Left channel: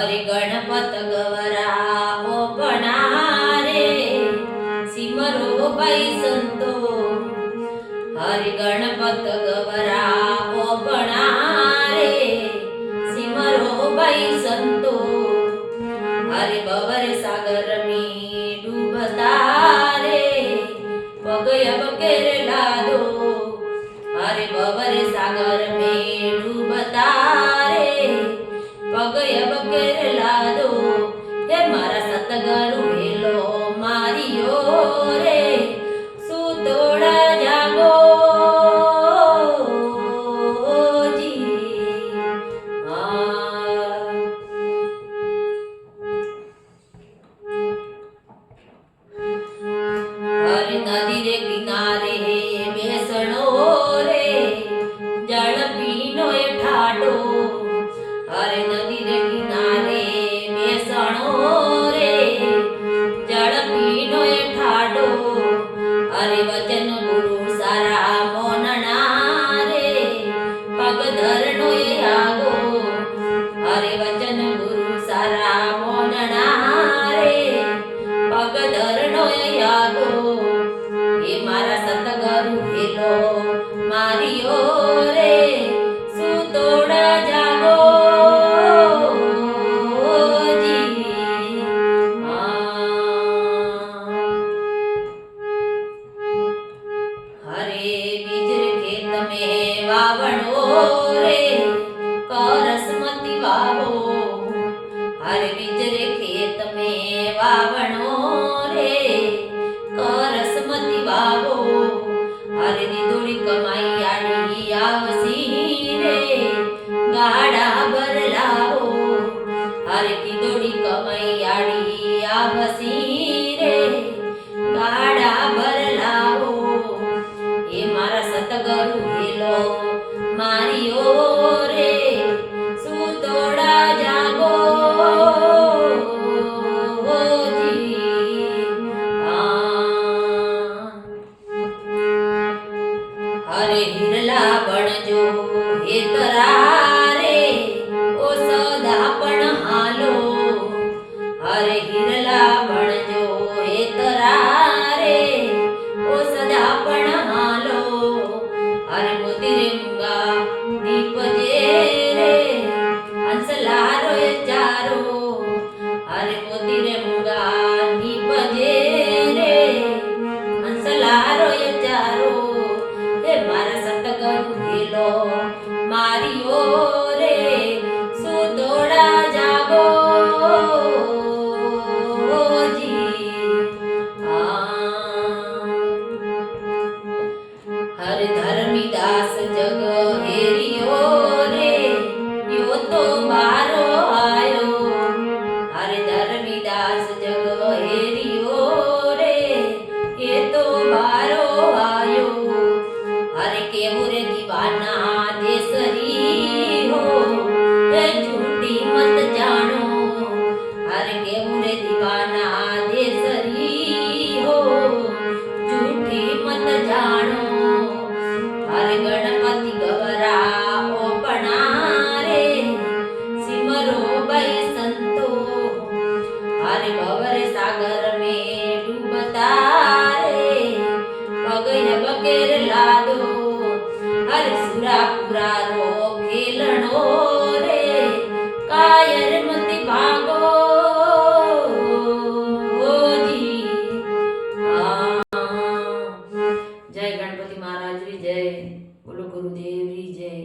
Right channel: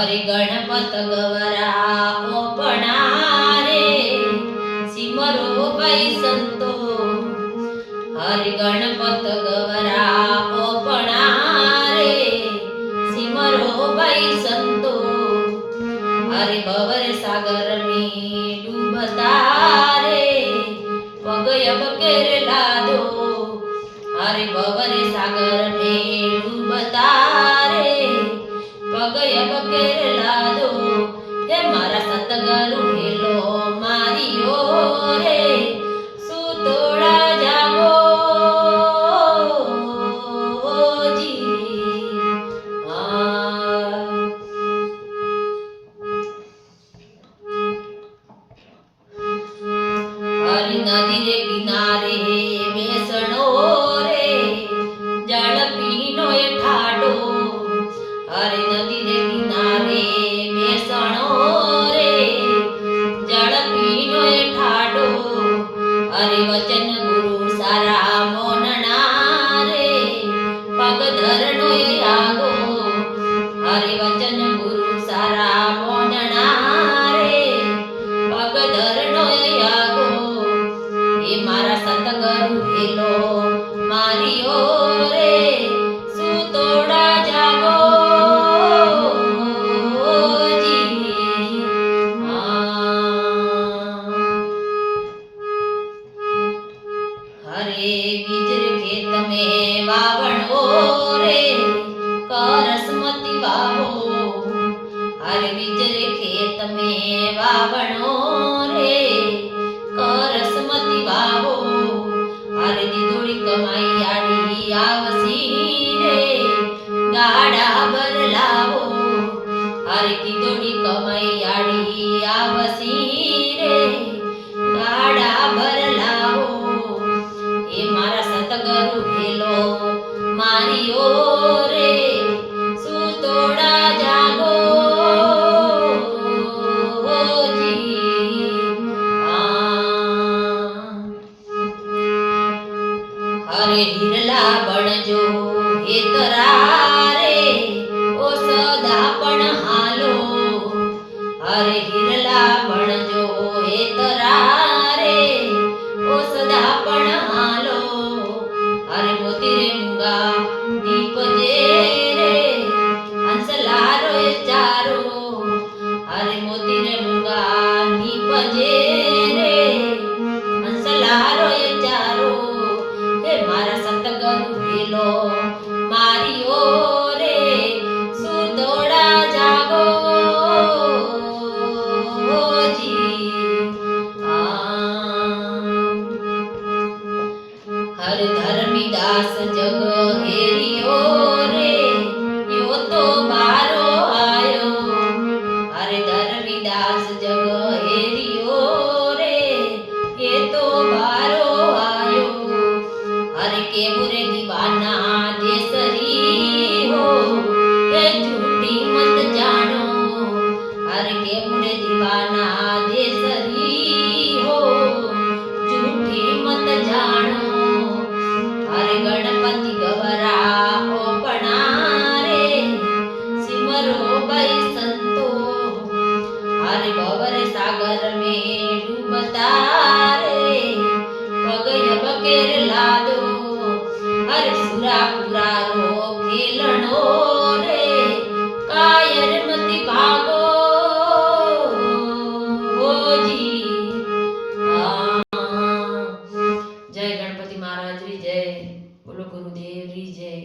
हरि गणपत गवरा ओपणा रे सिमरो भाई संतो हरि गणपत गवरा ओपणा रे सिमरो भाई संतो हरि भवर सागर में डूबता रे पगय बकेर लादो हरि भवर सागर में डूबता रे पगय बकेर लादो हे मारा सतगुरु हेलो मारियो रे सुतोड़ा जागो जी हरि नदी रे किनारे बेसणो रे जल पीनो ए ठाडो हरि नदी रे किनारे बेसणो रे जल पीनो ए ठाडो हरि वचन गुरु सारा मोनना रे पग धरणो ए आगो हरि वचन गुरु सारा मोनना रे पग धरणो ए आगो हे मारा सतगुरु हेलो मारियो रे सुतोड़ा जागो जी हरे बीजर खेत में वावणो रे करसमती वावो हरे बीजर खेत में वावणो रे करसमती वावो हरे दीदोड़ी कमाई आड़ी आवसी रे गाड़ा भर लावो हरे दीदोड़ी कमाई आड़ी आवसी रे गाड़ा भर लावो हे मारा सतगुरु हेलो मारियो रे सुतोड़ा जागो जी हरे हिरला बणजो हेतरा रे ओ सदा पण हालो हरे हिरला बणजो हेतरा रे ओ सदा पण हालो हरे मोती रे मुंगा दीप जे रे हंसला रो चारो हरे मोती रे मुंगा दीप जे रे हंसला रो चारो हे मारा सतगुरु हेलो मारियो रे सुतोड़ा जागो जी हर धर्मीदास जग हेरियो रे यो तो बारो आयो हर धर्मीदास जग हेरियो रे ये तो बारो आयो हरे के बुरे दीवाना देसरी हो ये झूठी मत जानो हरे के बुरे दीवाना देसरी हो झूठी मत जानो हरे गणपति गवरा ओपणा रे सिमरो भाई संतो हरे भवर सागर में डूबता रे पगय बकेर लादो हरे सुरापुरा रो खेलणो रे कायर मती भागो जी जय गणपति महाराज री जय बोलो गुरुदेव री जय।